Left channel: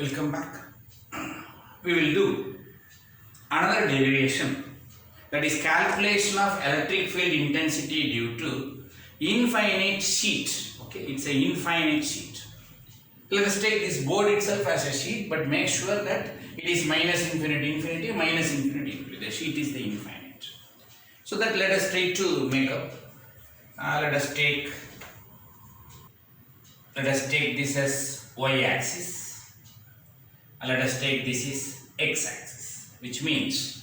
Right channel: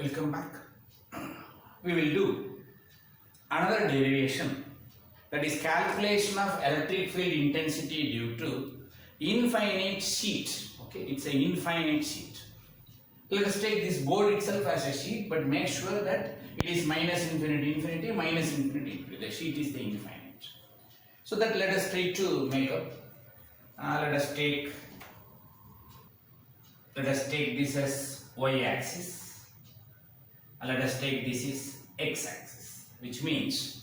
Welcome back. We will do another derivation, that is calculation of electric field intensity due to infinite sheet. Okay, it's an infinite sheet. Let us take this board itself as a sheet, but make sure that it is minus infinity, infinity, minus infinity, infinity. The sheet is the infinite. So that let us try to make up. Let us take this as y-axis. Let us take this is x-axis, which means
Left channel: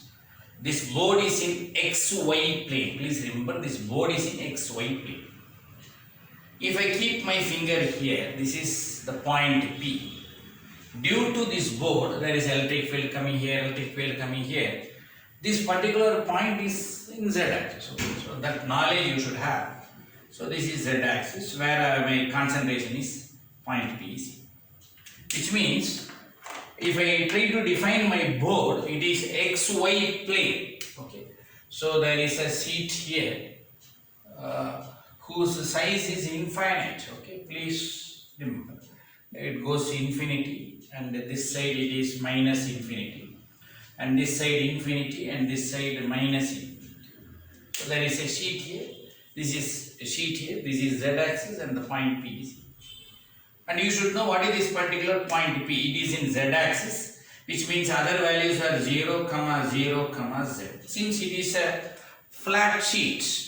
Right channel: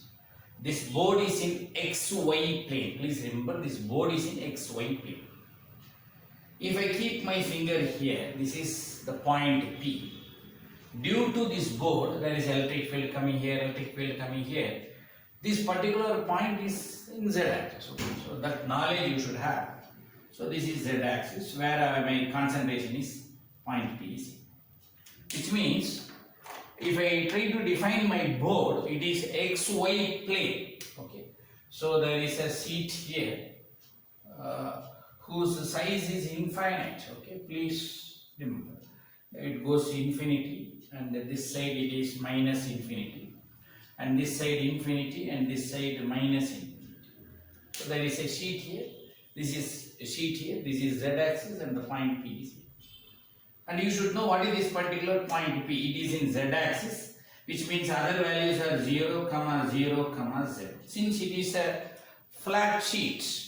this board is in xy plane. Please remember, this board is in xy plane. If I keep my finger here, this is the point P. Due to this board, there is electric field coming here, electric field coming here. This particular point is in z-axis. So that knowledge you should have. So this is z-axis where my concentration is point P, which means if I try to define my board, it is xy plane. Okay, so there is a sheet here whose size is infinite. Okay, please remember it goes infinity, and this side it is minus infinity, and this side infinity, and this side minus infinity. So there is a sheet here. This is a sheet here. This is z-axis, and the point P is here. And you should know what is this particular point P. It is in z-axis, which means other values are 0, 0, z. Since it is a flat sheet,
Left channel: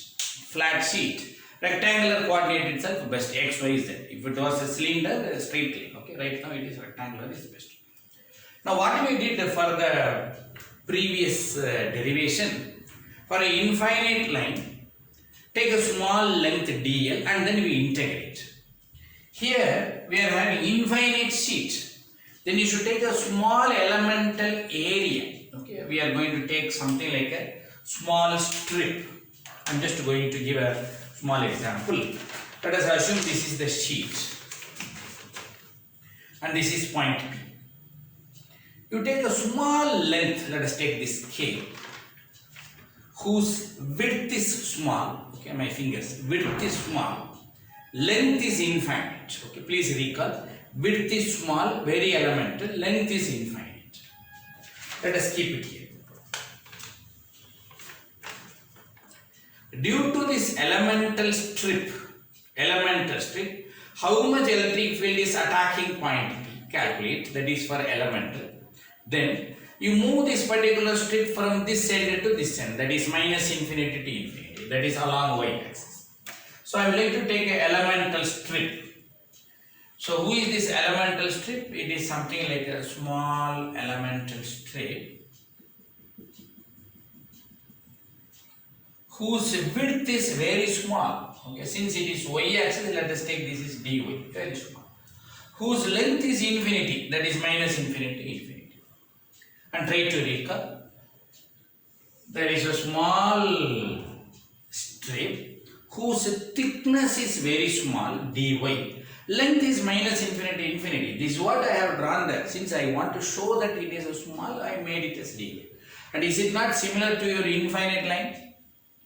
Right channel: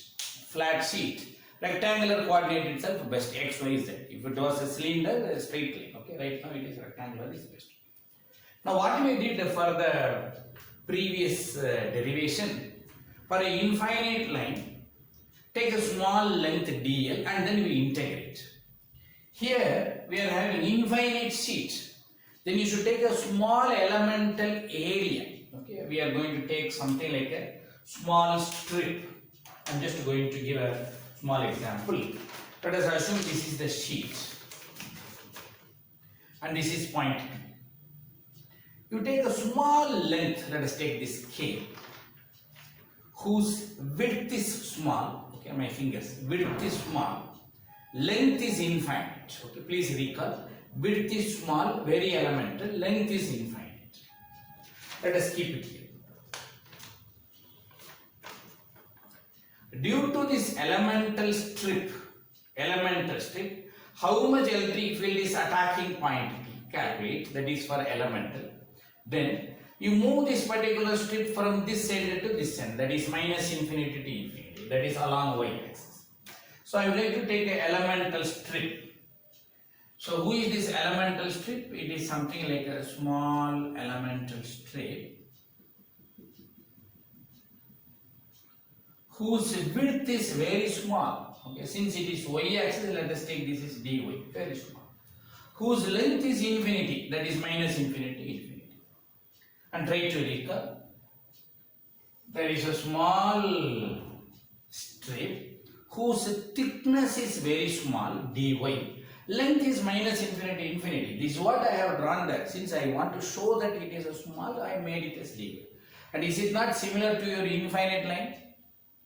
rectangular coordinate itself best, x, y, z. If it was a cylinder, a straight line. Okay, right now it is rectangular is best. Now what we did for the previous derivation, for an infinite line, take a small length dl and then we integrate. Here we are having infinite sheet. Then you should take a small elemental area. Okay, we are going to take something like a small strip. I'm just going to give a small example. Let us assume this is the sheet and this is point P. You take a small length, let us take this K, whose width is small. Okay, my fingers, width is small. Length is infinite. Okay, please recall, width is small, very elemental, length is infinite. Let us keep it here. Due to this elemental strip, how much electric field is attacking point P? Calculate, that is for elemental. Then you move this particular strip from this end to this end, that is minus infinity to infinity, that is along y-axis. So I am going to take an elemental strip. So who is this elemental strip? It is something like a small elemental strip whose width is very small. Okay, since it is y-axis, let us take this is dy, very small. Whose length is infinity, that is minus infinity, infinity. And try to recall. There is a small strip whose thickness is very small, dy. Length is minus infinity, infinity. This is what I have drawn there. Since I want to show that it is a small, I made it as dy. And is it not similar to your infinite line?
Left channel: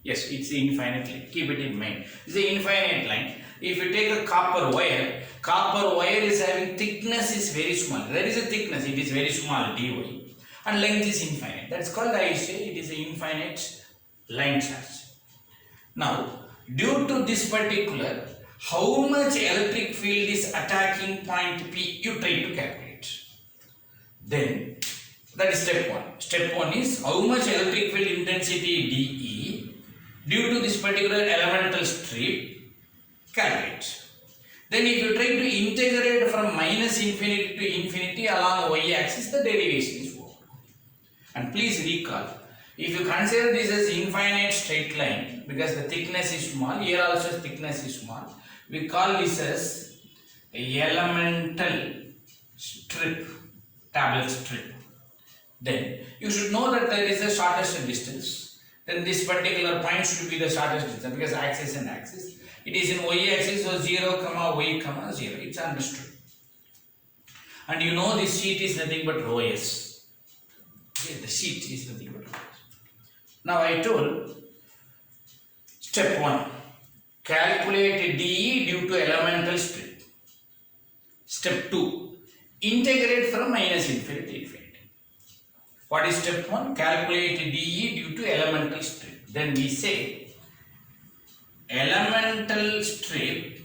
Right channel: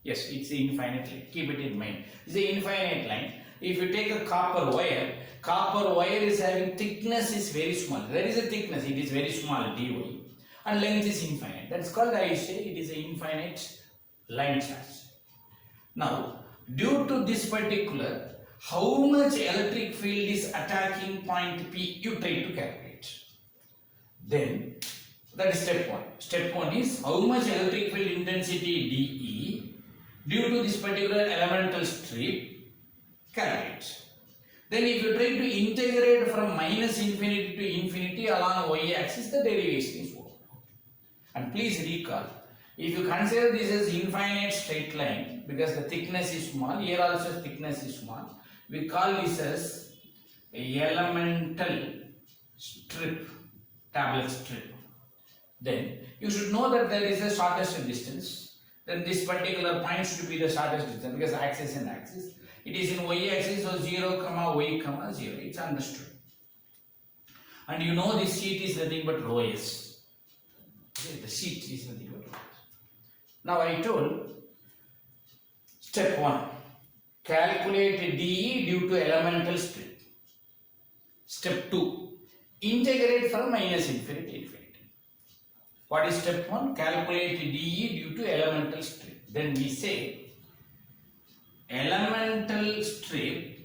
Yes, it's an infinite line. Keep it in mind. It's an infinite line. If you take a copper wire is having thickness is very small. There is a thickness, it is very small, dy. And length is infinite. That's called, I say, it is an infinite line charge. Now, due to this particular, how much electric field is attacking point P, you try to calculate. Then, that is step 1. Step 1 is how much electric field intensity dE due to this particular elemental strip, calculate. Then if you try to integrate from minus infinity to infinity along y-axis, the derivation is over. And please recall, if you consider this as infinite straight line, because the thickness is small, here also thickness is small, we call this as elemental strip, tablet strip. Then you should know that there is a shortest distance. Then this particular point should be the shortest distance because axis and axis. It is in y-axis, so 0, y, 0. It's understood. And you know this sheet is nothing but rho s. Okay, the sheet is nothing but rho s. Now I told step 1. Calculate dE due to elemental strip. Step 2. integrate from minus infinity to infinity. What is step 1? Calculate dE due to elemental strip. Then we say elemental strip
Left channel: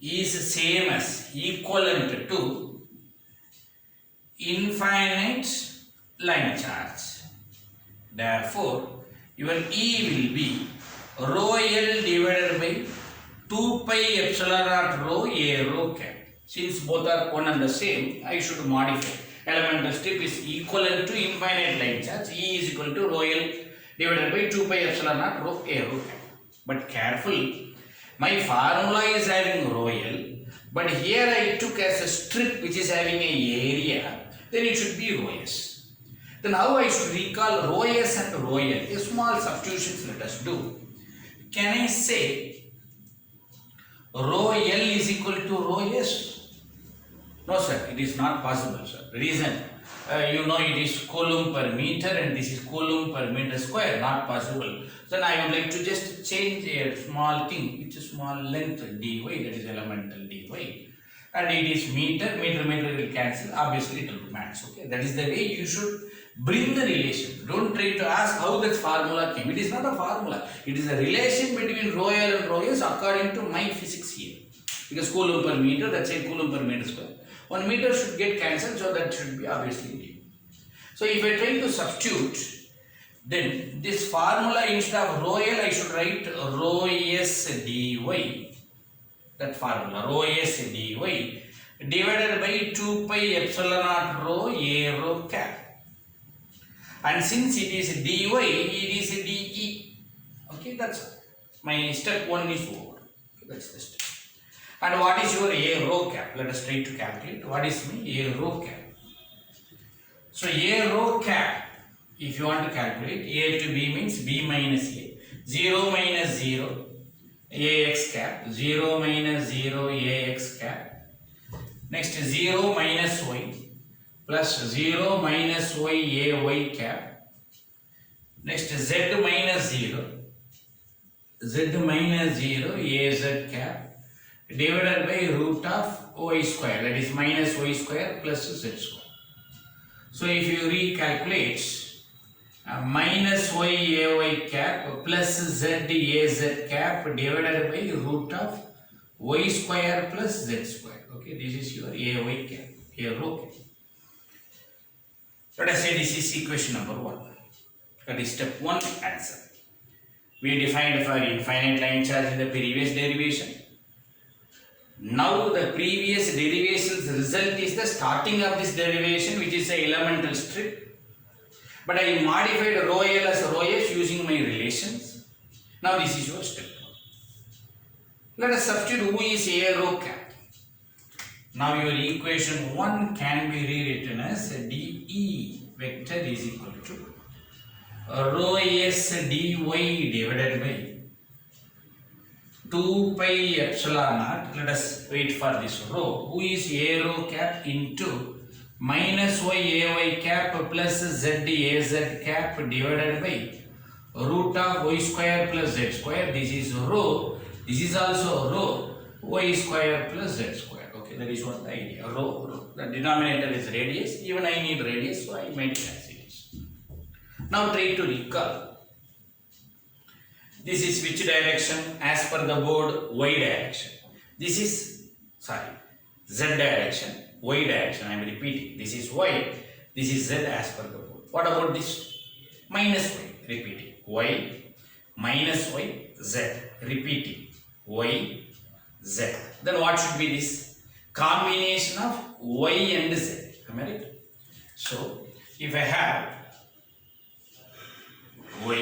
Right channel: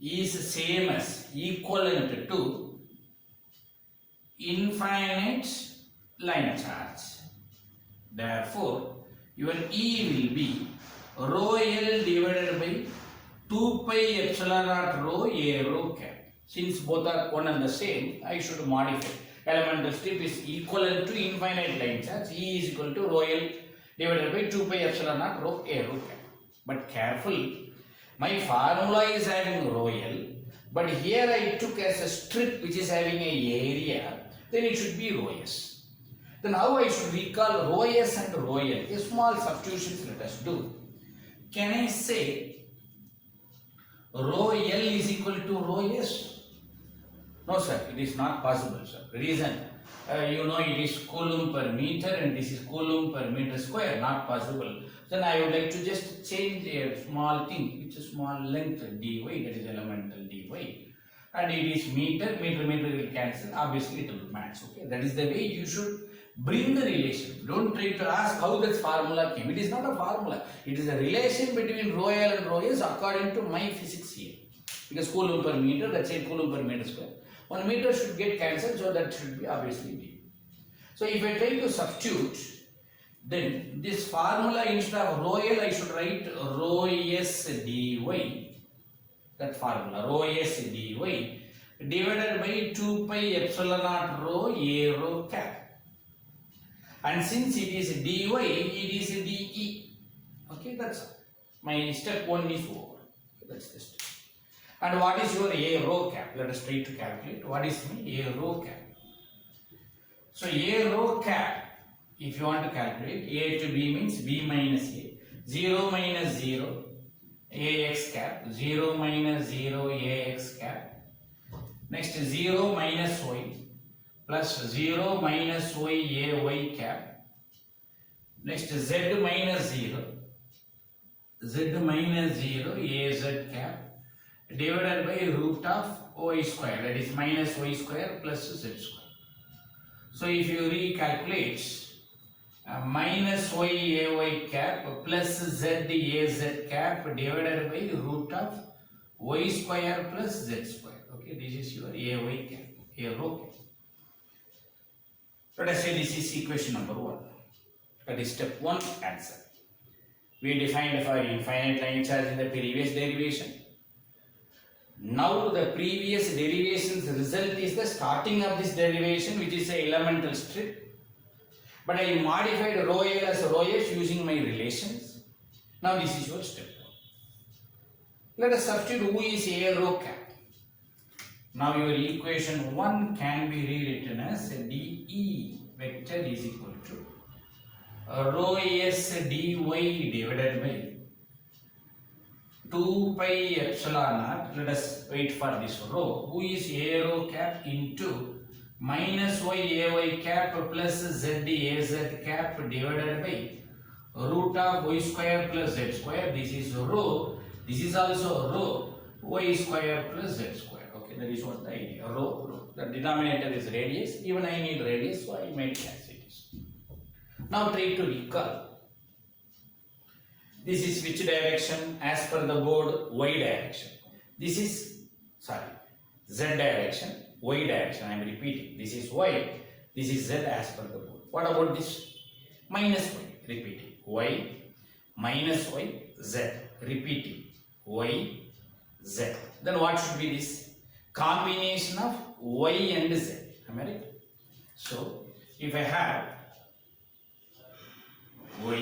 is same as equivalent to infinite line charge. Therefore, your E will be rho L divided by 2 pi epsilon naught rho A rho cap. Since both are one and the same, I should modify. Elemental strip is equivalent to infinite line charge. E is equal to rho L divided by 2 pi epsilon naught rho A rho cap. But careful, my formula is having rho L, but here I took as a strip which is having a area, then it should be rho S. Then how I should recall rho S and rho L? A small substitutions let us do. Can I say rho L is equal to rho S? No sir, it is not possible sir. Reason, you know it is coulomb per meter and this is coulomb per meter square, not possible. Then I would like to just change a small thing, it's a small length dy, that is elemental dy. And it is meter will cancel, obviously it will match, okay. That is the way you should bring the relation. Don't try to ask how that formula came. It is not a formula, it is a relation between rho L and rho S according to my physics here. Because coulomb per meter, that's a coulomb per meter square. 1 meter should get cancelled, so that should be obviously d. So if I try to substitute, then this formula instead of rho L, I should write rho S dy. That formula, rho S dy divided by 2 pi epsilon naught rho A rho cap. And since it is dy, it is dE. Okay, that's all. My step 1 is over. That's the step. And what is your A rho cap? Let us try to calculate. What is my A rho cap? So A rho cap, if you want to calculate, A to B means B minus A. 0 minus 0, AX cap. 0 minus 0, AX cap. Next 0 minus Y plus 0 minus Y, AY cap. Next Z minus 0, Z minus 0, AZ cap. Divided by root of y square, that is minus y square plus z square. So if you recalculate, minus y ay cap plus z az cap divided by root of y square plus z square. Okay, this is your ay cap, a rho cap. Let us say this is equation number 1. That is step 1 answer. We defined for infinite line charge in the previous derivation. Now the previous derivation's result is the starting of this derivation, which is a elemental strip. But I modified rho L as rho S using my relations. Now this is your step 1. Let us substitute who is A rho cap. Now your equation 1 can be rewritten as dE vector is equal to rho S dy divided by 2 pi epsilon naught, let us wait for this rho, who is A rho cap into minus y ay cap plus z az cap divided by root of y square plus z square. This is rho, this is also rho, y square plus z square. Okay, that is what the idea, rho. The denominator is radius, even I need radius, so I made it as it is. Now try to recall. This is which direction? As per the board, y direction. This is, z direction, y direction. I am repeating. This is y, this is z as per the board. What about this? Minus y, repeating. Y, minus y, z, repeating. Y, z. Then what should be this? Combination of y and z. Am I right? So, if I have y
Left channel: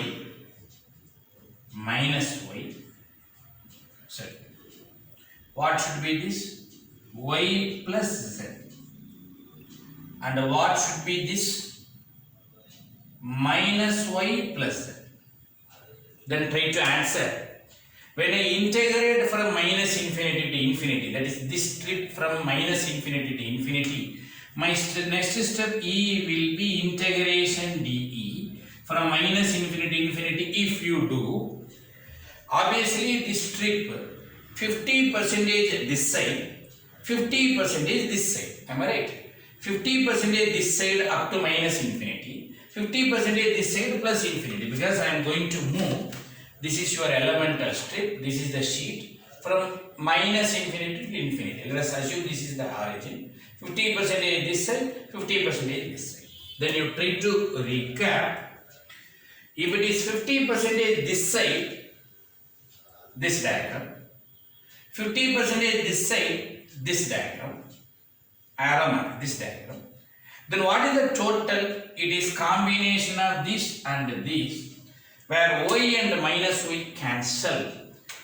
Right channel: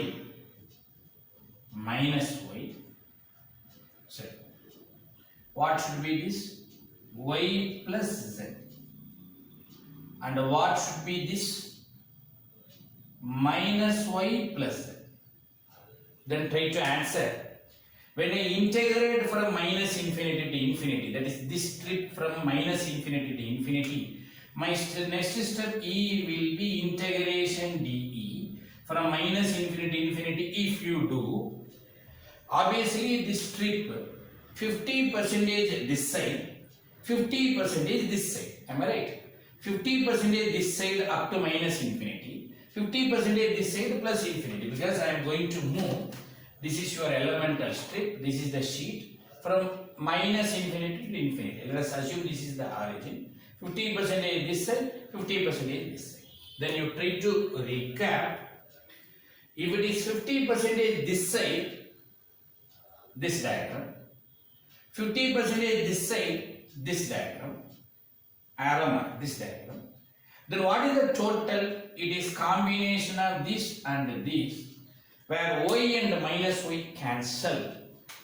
minus y, sorry, what should be this? Y plus z. And what should be this? Minus y plus z. Then try to answer. When I integrate from minus infinity to infinity, that is this strip from minus infinity to infinity, my next step E will be integration dE from minus infinity to infinity. If you do, obviously this strip 50% this side, 50% this side. Am I right? 50% this side up to minus infinity. 50% this side plus infinity, because I am going to move. This is your elemental strip. This is the sheet from minus infinity to infinity. Let us assume this is the origin. 50% this side, 50% this side. Then you try to recap. If it is 50% this side, this diagram. 50% this side, this diagram. Arrow mark, this diagram. Then what is the total? It is combination of this and this, where y and minus y cancel.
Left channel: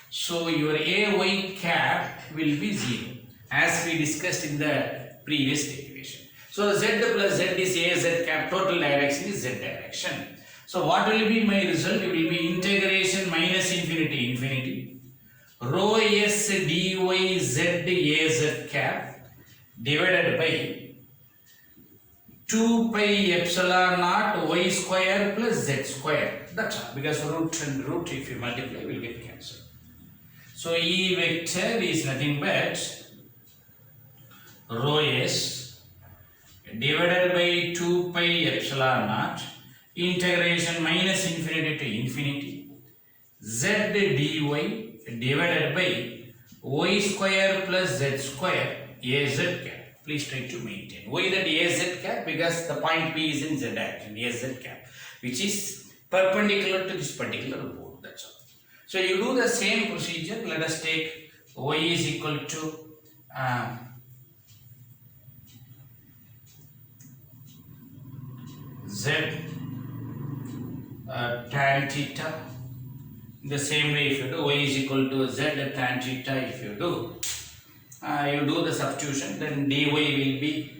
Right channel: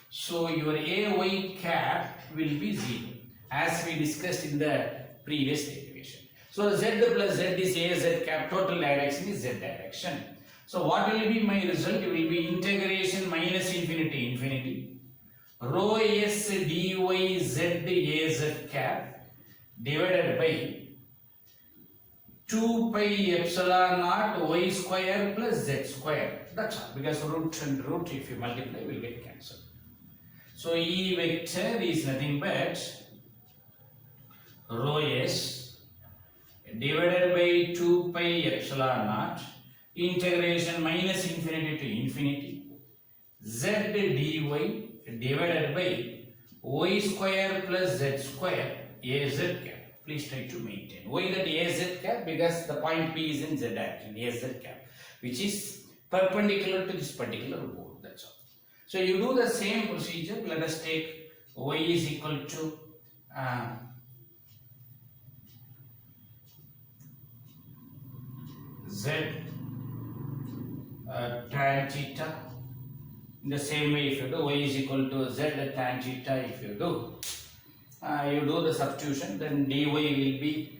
So your ay cap will be 0, as we discussed in the previous derivation. So z plus z is az cap, total direction is z direction. So what will be my result? It will be integration minus infinity infinity rho s dy z az cap divided by 2 pi epsilon naught y square plus z square. That's all, because root and root, if you multiply, will get cancelled. So E vector is nothing but rho s divided by 2 pi epsilon naught integration minus infinity to infinity z dy divided by y square plus z square az cap. Please try to maintain. Why that az cap? Because the point P is in z direction, az cap, which is perpendicular to this particular board. That's all. So you do the same procedure. Let us take y is equal to z tan theta. In the same way, if you do y is equal to z tan theta, if you do the substitution, then dy will be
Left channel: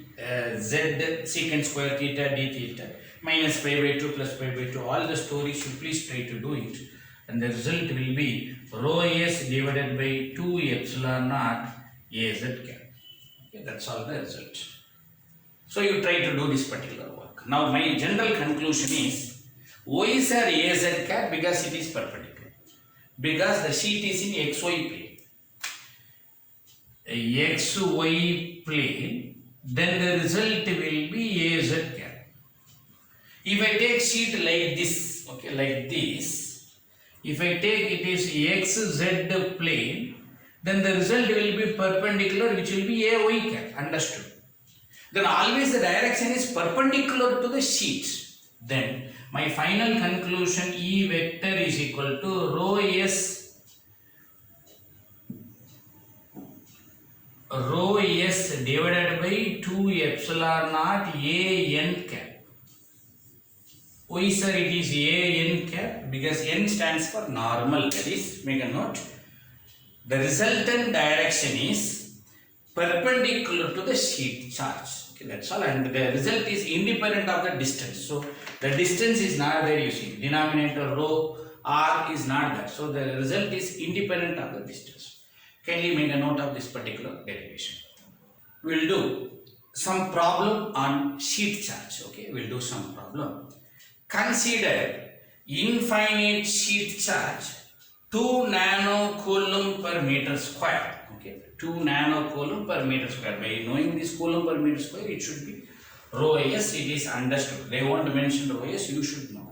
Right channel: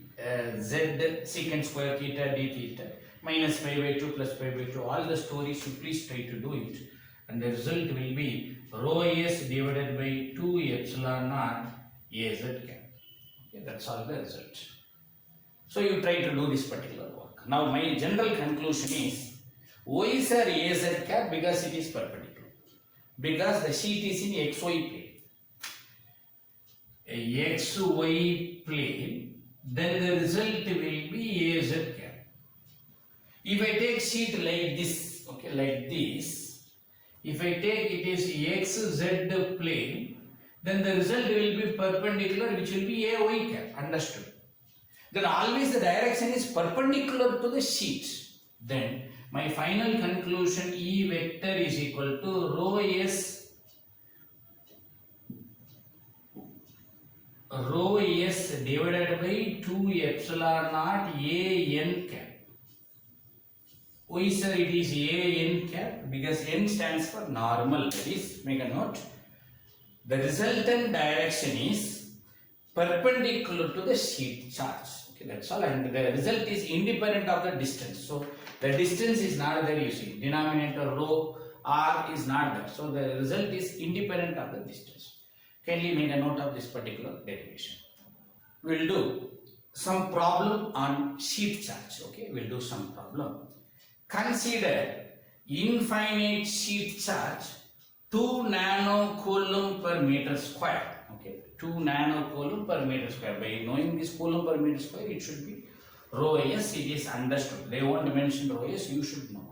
z secant square theta d theta minus pi by 2 plus pi by 2. All the stories, you please try to do it, and the result will be rho s divided by 2 epsilon naught az cap. Okay, that's all the result. So you try to do this particular work. Now my general conclusion is y is az cap because it is perpendicular, because the sheet is in xy plane. XY plane, then the result will be az cap. If I take sheet like this, okay, like this, if I take it is xz plane, then the result will be perpendicular, which will be ay cap. Understood? Then always the direction is perpendicular to the sheet. Then my final conclusion, E vector is equal to rho s divided by 2 epsilon naught an cap. Why sir it is an cap? Because n stands for normal. That is, make a note. The resultant direction is perpendicular to the sheet charge. Okay, that's all. And the result is independent of the distance. So the distance is not there, you see. Denominator rho r is not there. So the result is independent of the distance. Kindly make a note of this particular derivation. We will do some problem on sheet charge. Okay, we will do some problem. Consider infinite sheet charge 2 nanocoulomb per meter square. Okay, 2 nanocoulomb per meter square. By knowing this coulomb per meter square, it should be rho s. It is understood. They won't mention rho s. You should know.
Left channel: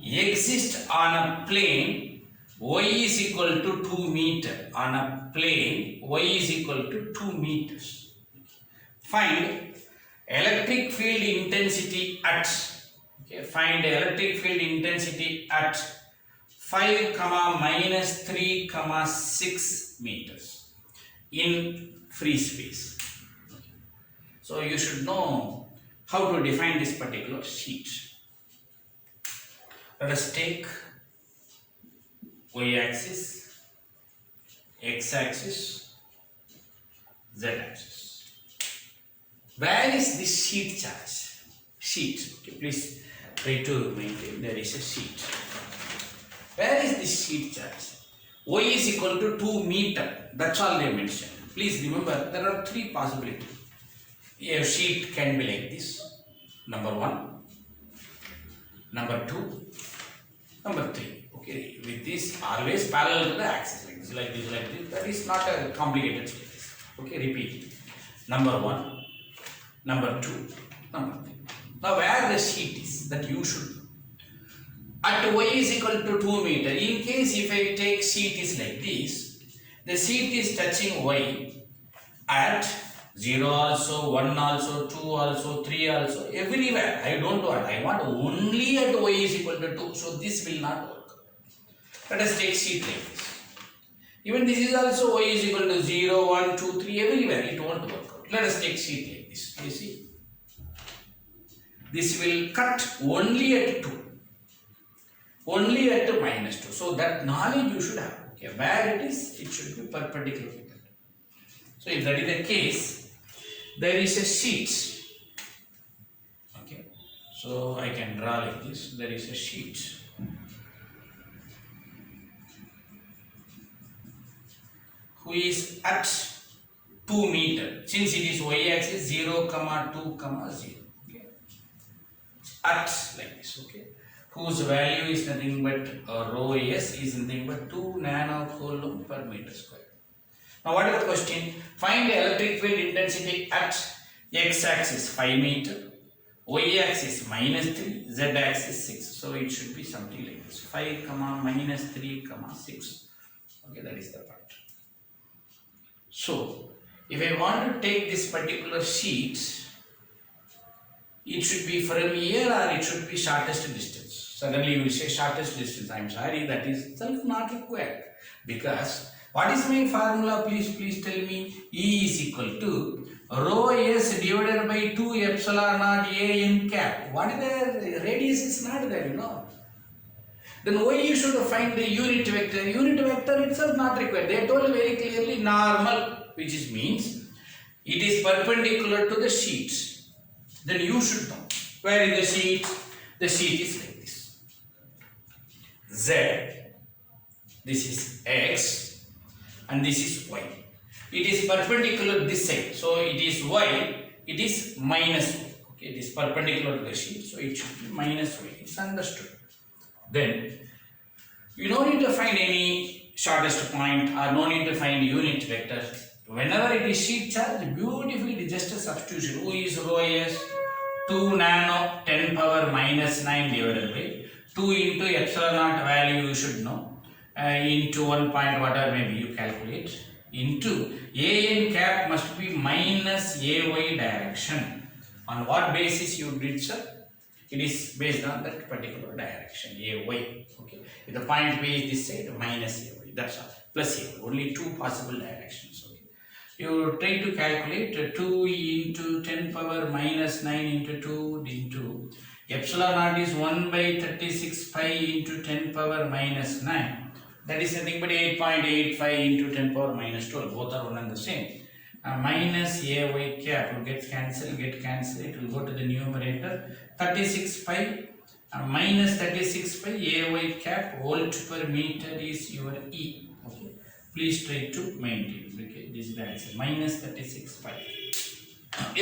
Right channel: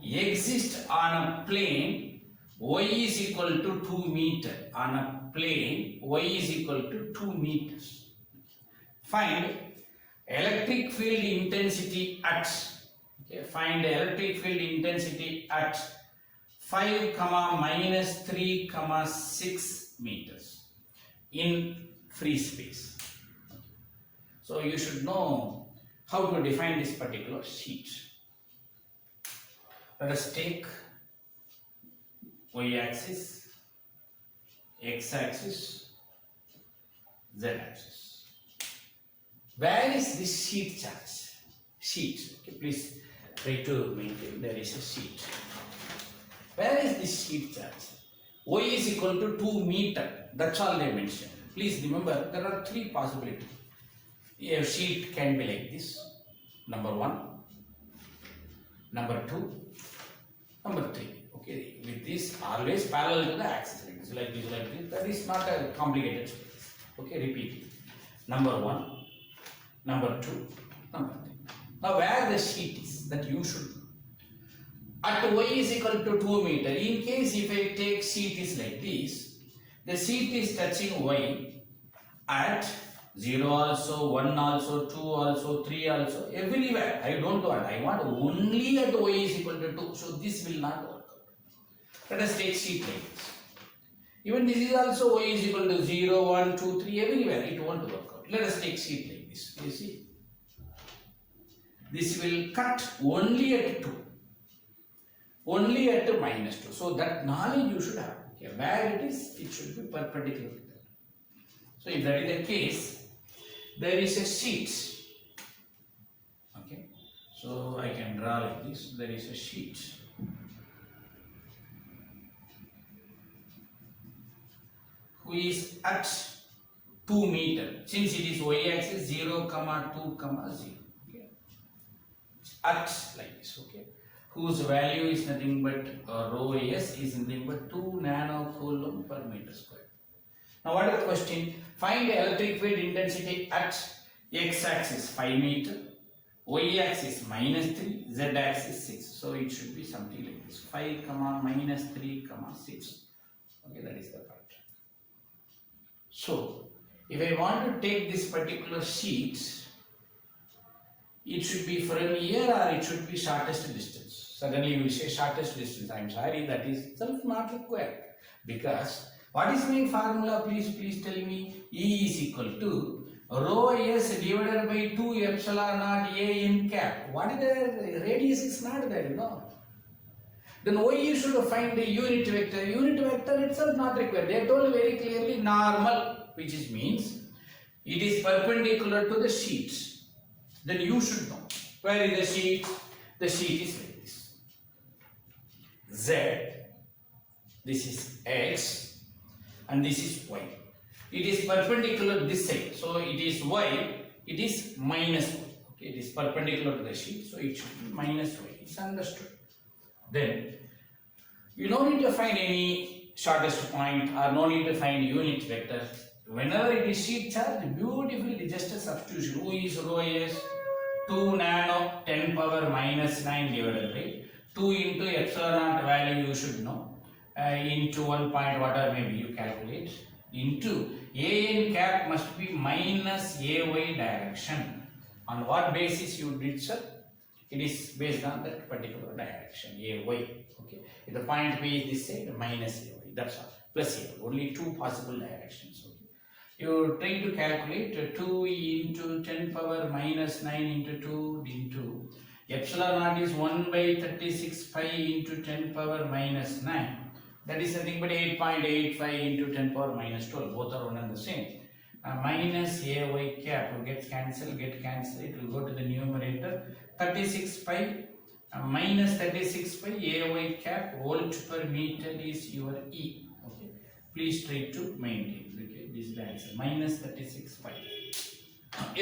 Exist on a plane y is equal to 2 meter. On a plane y is equal to 2 meters. Find electric field intensity at. Okay, find electric field intensity at 5, minus 3, 6 meters in free space. So you should know how to define this particular sheet. Let us take y-axis, x-axis, z-axis. Where is this sheet charge? Sheet. Okay, please try to maintain. There is a sheet. Where is this sheet charge? Y is equal to 2 meter. That's all they mentioned. Please remember, there are 3 possibilities. A sheet can be like this. Number 1, number 2, number 3. With this always parallel to the axis, like this, That is not a complicated space. Okay, repeat. Number 1, number 2, number 3. Now where the sheet is, that you should know. At y is equal to 2 meter. In case if I take sheet is like this, the sheet is touching y at 0 also, 1 also, 2 also, 3 also, everywhere. I don't want. I want only at y is equal to 2. So this will not work. Let us take sheet like this. Even this is also y is equal to 0, 1, 2, 3, everywhere. It won't work out. Let us take sheet like this. You see? This will cut only at 2. Only at -2. So that knowledge you should have. Okay, where it is, it should be perpendicular to that. So if that is the case, there is a sheet. Okay, so I can draw like this. There is a sheet. Who is at 2 meter. Since it is y-axis 0, 2, 0. Okay, at like this. Okay, whose value is nothing but rho s is nothing but 2 nanocoulomb per meter square. Now what is the question? Find the electric field intensity at x-axis 5 meter, y-axis -3, z-axis 6. So it should be something like this: 5, -3, 6. Okay, that is the part. So if I want to take this particular sheet, it should be from here or it should be shortest distance. Suddenly you will say shortest distance. I am sorry, that is self not required. Because what is my formula? Please tell me. E is equal to rho s divided by 2 epsilon naught a n cap. What is the radius is not there, you know. Then why you should find the unit vector? Unit vector itself not required. They told very clearly normal, which is means it is perpendicular to the sheet. Then you should know where is the sheet. The sheet is like this. Z, this is x, and this is y. It is perpendicular this side, so it is y. It is minus y. Okay, it is perpendicular to the sheet, so it should be minus y. It's understood. Then you don't need to find any shortest point or no need to find unit vector. Whenever it is sheet charge, beautifully it is just a substitution. Who is rho s? 2 nano 10 power minus 9 divided by 2 into epsilon naught value you should know, into 1 point whatever maybe you calculate, into a n cap must be minus ay direction. On what basis you did, sir? It is based on that particular direction, ay. Okay, if the point B is this side, minus ay, that's all, plus ay. Only 2 possible directions. Okay, you try to calculate 2 into 10 power minus 9 into 2 into epsilon naught is 1 by 36 pi into 10 power minus 9. That is nothing but 8.85 into 10 power minus 12. Both are one and the same. Minus ay cap gets cancelled, it will go to the numerator. 36 pi minus 36 pi ay cap volt per meter is your E. Okay, please try to maintain. Okay, this is the answer. Minus 36 pi.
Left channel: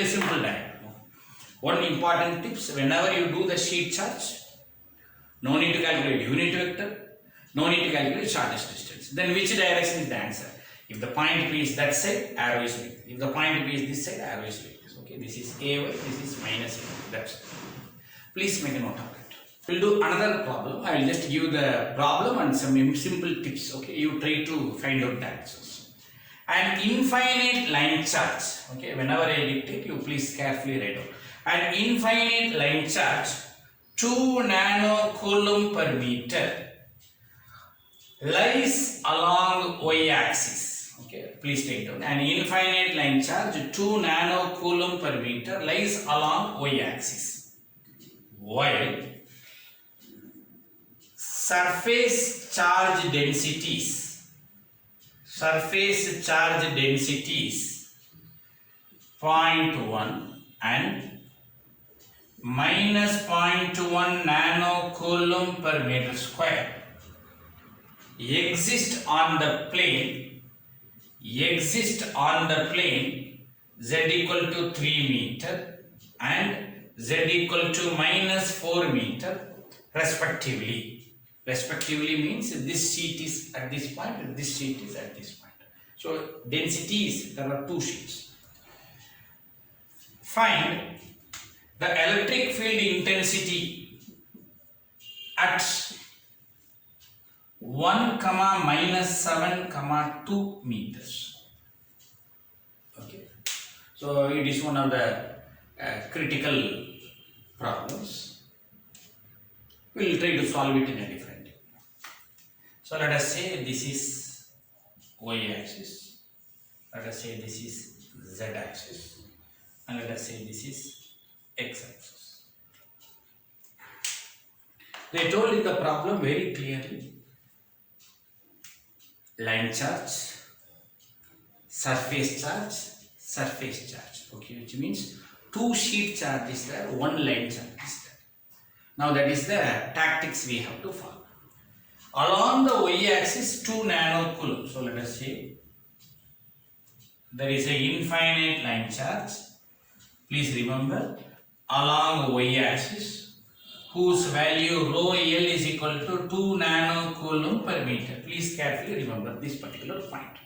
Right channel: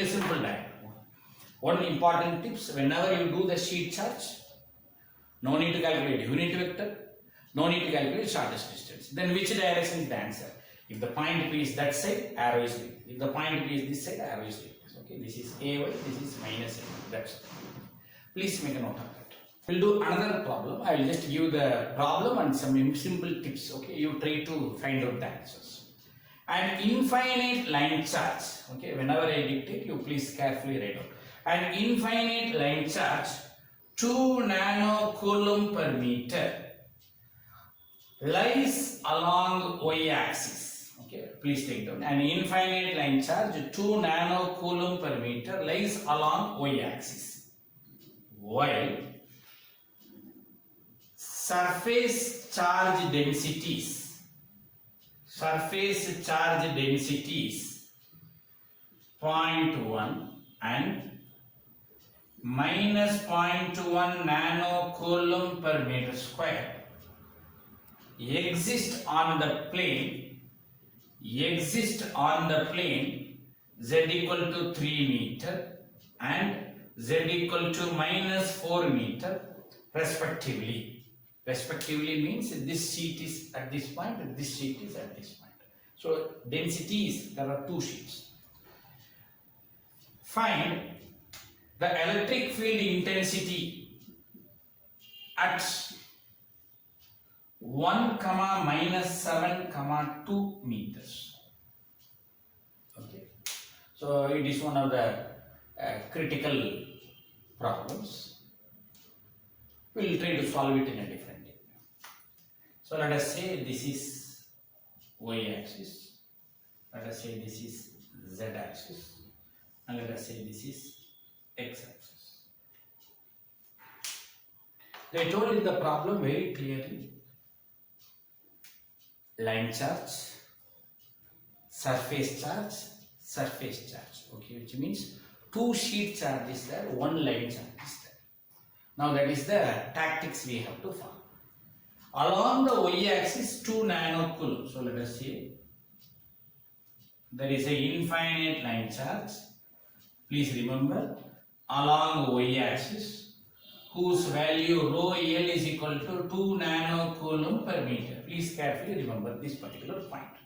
A simple diagram. One important tips: whenever you do the sheet charge, no need to calculate unit vector, no need to calculate shortest distance. Then which direction is the answer? If the point P is that side, arrow is like this. If the point P is this side, arrow is like this. Okay, this is AY, this is minus AY. That's it. Please make a note of it. We'll do another problem. I will just give the problem and some simple tips. Okay, you try to find out the answers. An infinite line charge. Okay, whenever I dictate, you please carefully write out. An infinite line charge, 2 nanocoulomb per meter, lies along y-axis. Okay, please take down. An infinite line charge, 2 nanocoulomb per meter, lies along y-axis, while surface charge densities 0.1 and minus 0.1 nanocoulomb per meter square exist on the plane z equal to 3 meter and z equal to minus 4 meter respectively. Respectively means this sheet is at this point and this sheet is at this point. So densities, there are 2 sheets. Find the electric field intensity at 1, -7, 2 meters. Okay. So it is one of the critical problems. We will try to solve it in a different way. So let us say this is y-axis. Let us say this is z-axis. And let us say this is x-axis. They told in the problem very clearly: line charge, surface charge, surface charge. Okay, which means 2 sheet charge is there, 1 line charge is there. Now that is the tactics we have to follow. Along the y-axis 2 nanocoulomb. So let us say there is a infinite line charge. Please remember, along y-axis, whose value rho L is equal to 2 nanocoulomb per meter. Please carefully remember this particular point.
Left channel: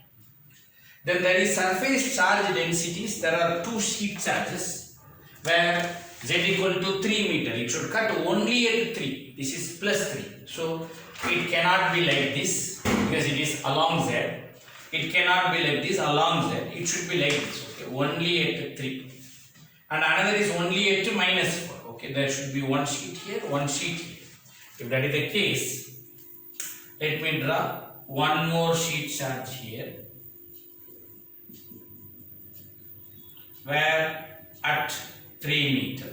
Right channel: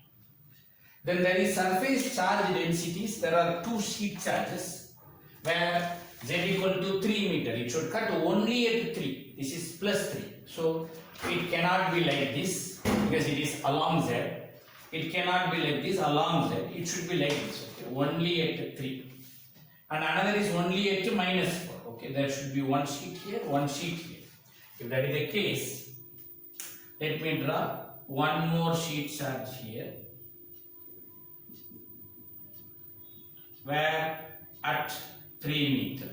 Then there is surface charge densities. There are 2 sheet charges where z equal to 3 meter. It should cut only at 3. This is plus 3. So it cannot be like this because it is along z. It cannot be like this along z. It should be like this. Okay? Only at 3. And another is only at -4. Okay, there should be 1 sheet here, 1 sheet here. If that is the case, let me draw 1 more sheet charge here, where at 3 meter,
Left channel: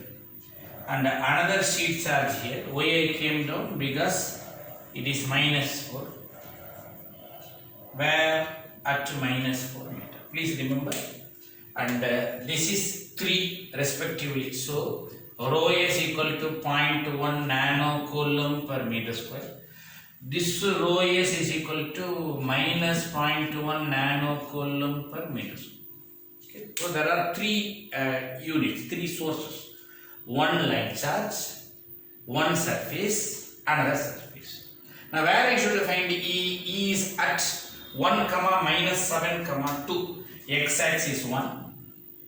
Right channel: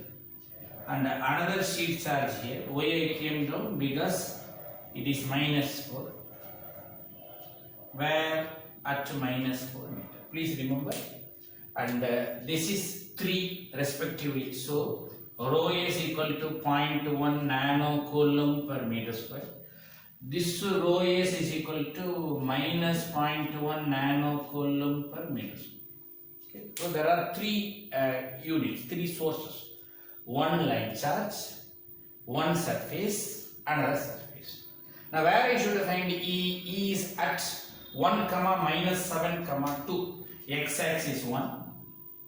and another sheet charge here. Why I came down? Because it is -4, where at -4 meter. Please remember, and this is 3 respectively. So rho is equal to 0.1 nanocoulomb per meter square. This rho is equal to -0.1 nanocoulomb per meter square. Okay. So there are 3 units, 3 sources. 1 line charge, 1 surface, another surface. Now where I should find E? E is at 1, -7, 2. X-axis 1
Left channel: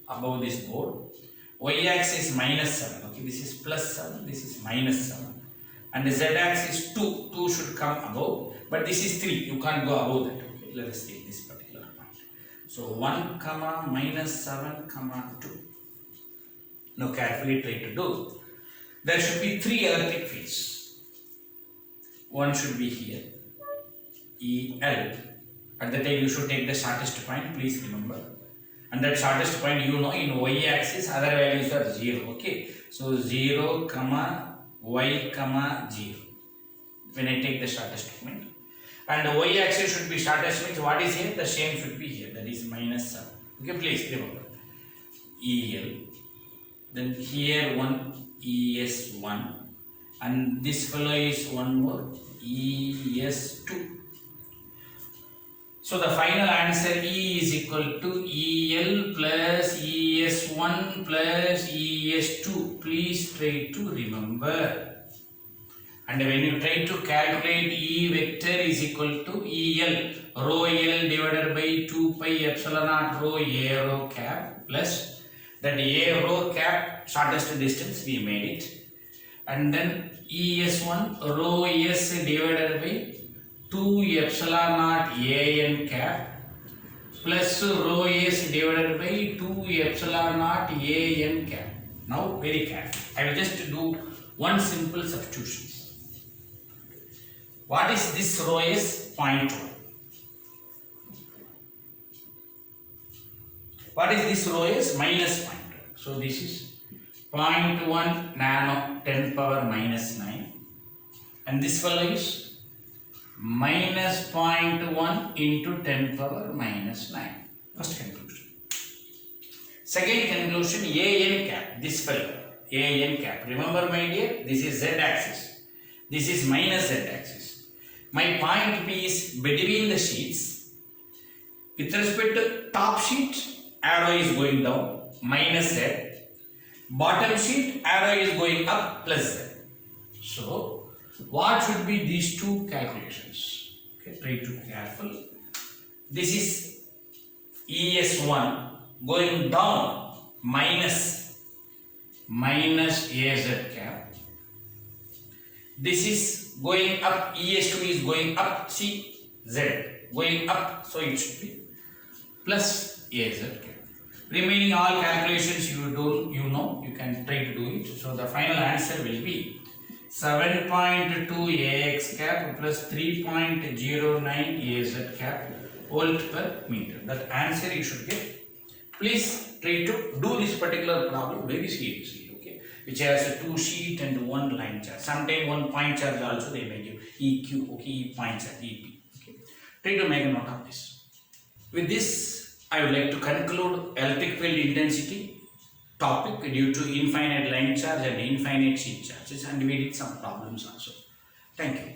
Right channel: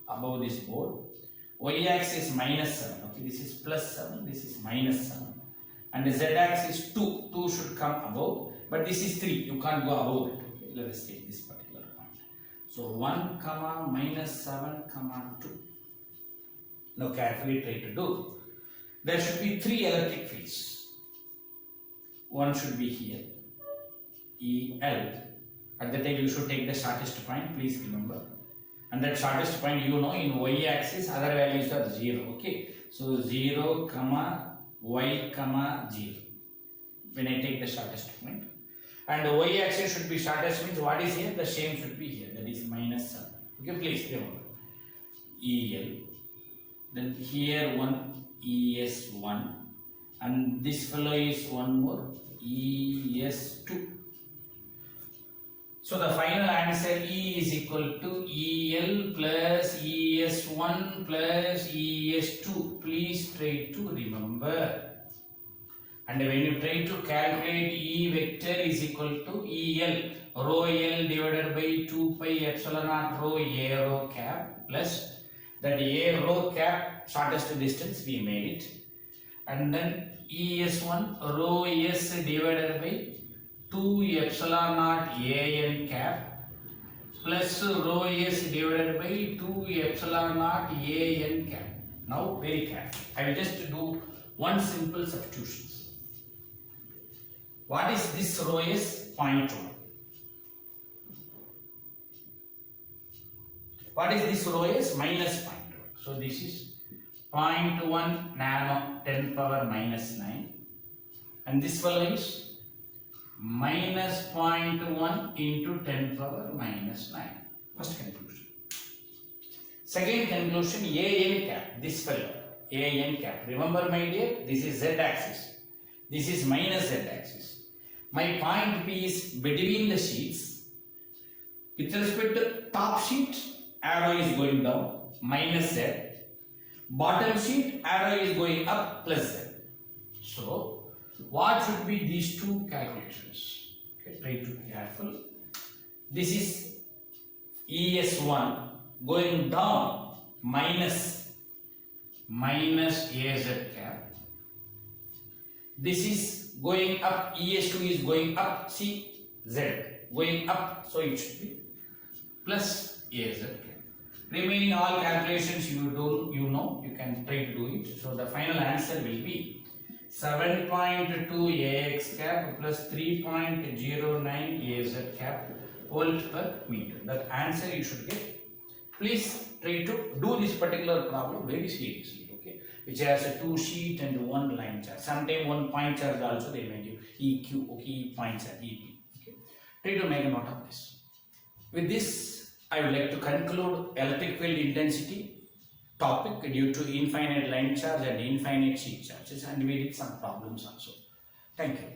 above this board. Y-axis -7. Okay, this is +7, this is -7. And the z-axis 2. 2 should come above, but this is 3. You can't go above that. Okay, let us take this particular point. So 1, -7, 2. Now carefully try to do. There should be 3 electric fields. One should be here, EL. At the time you should take the shortest point, please remember. And that shortest point, you know, in y-axis other values are 0. Okay, so 0, y, 0. When I take the shortest point, and the y-axis should be shortest, means what is here? The same should be here. That is -7. Okay, please remember. EL. Then here one ES1, and this fellow is one more ES2. So the final answer E is equal to EL plus ES1 plus ES2. Please try to remember. And when you try to calculate E vector is equal to EL rho L divided by 2 pi epsilon naught rho A rho cap plus that A rho cap shortest distance we made it, and then ES1 rho S divided by 2 epsilon naught AN cap plus rho S divided by 2 epsilon naught AN cap. Now very careful. I will just do one simple substitution. What is this rho S? 0.1. What is this rho S? -0.1. So this is 0.1 nano 10 power -9, and this value is -0.1 into 10 power -9. First conclusion. Second conclusion, AN cap, this value, AN cap. Remember my dear, this is Z axis, this is minus Z axis. My point P is between the sheets. With respect to top sheet, arrow is going down, minus Z. Bottom sheet, arrow is going up, plus Z. So, what should be these two calculations? Okay, try to be careful. This is ES1 going down minus AZ cap. This is going up, ES2 is going up, see Z going up, so it should be plus AZ cap. Remaining all calculations you know, you can try to do it. So the final answer will be 7.2 AX cap plus 3.09 AZ cap volt per meter. That answer you should get. Please try to do this particular problem very seriously, okay? Which has a 2 sheet and 1 line charge. Sometimes 1 point charge also they may give EQ, okay, E point charge, EP. Okay. Try to make a note of this. With this, I would like to conclude electric field intensity topic due to infinite line charge and infinite sheet charges, and we did some problems also. Thank you.